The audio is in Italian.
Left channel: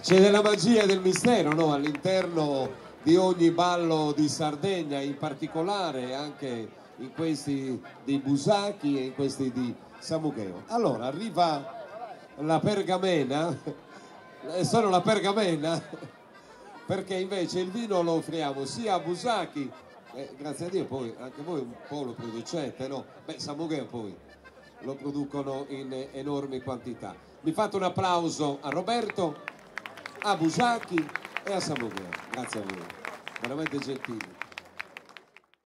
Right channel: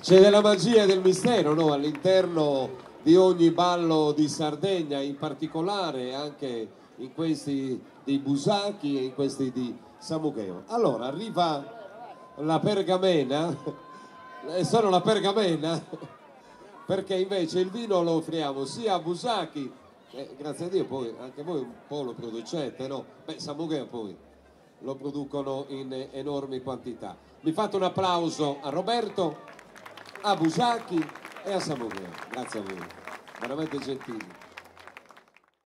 C'è della magia e del mistero, no? All'interno di ogni ballo di Sardegna, in particolare anche in questi dei Busacchi e in questi di Samugheo. Allora arriva la pergamena, solo la pergamena, perché invece il vino lo offriamo sia a Busacchi, grazie a Dio poi anche voi un po' lo producete, no? Beh, Samugheo poi lo producono in enormi quantità. Vi fate un applauso a Roberto, a Busacchi e a Samugheo, grazie a voi, veramente gentili.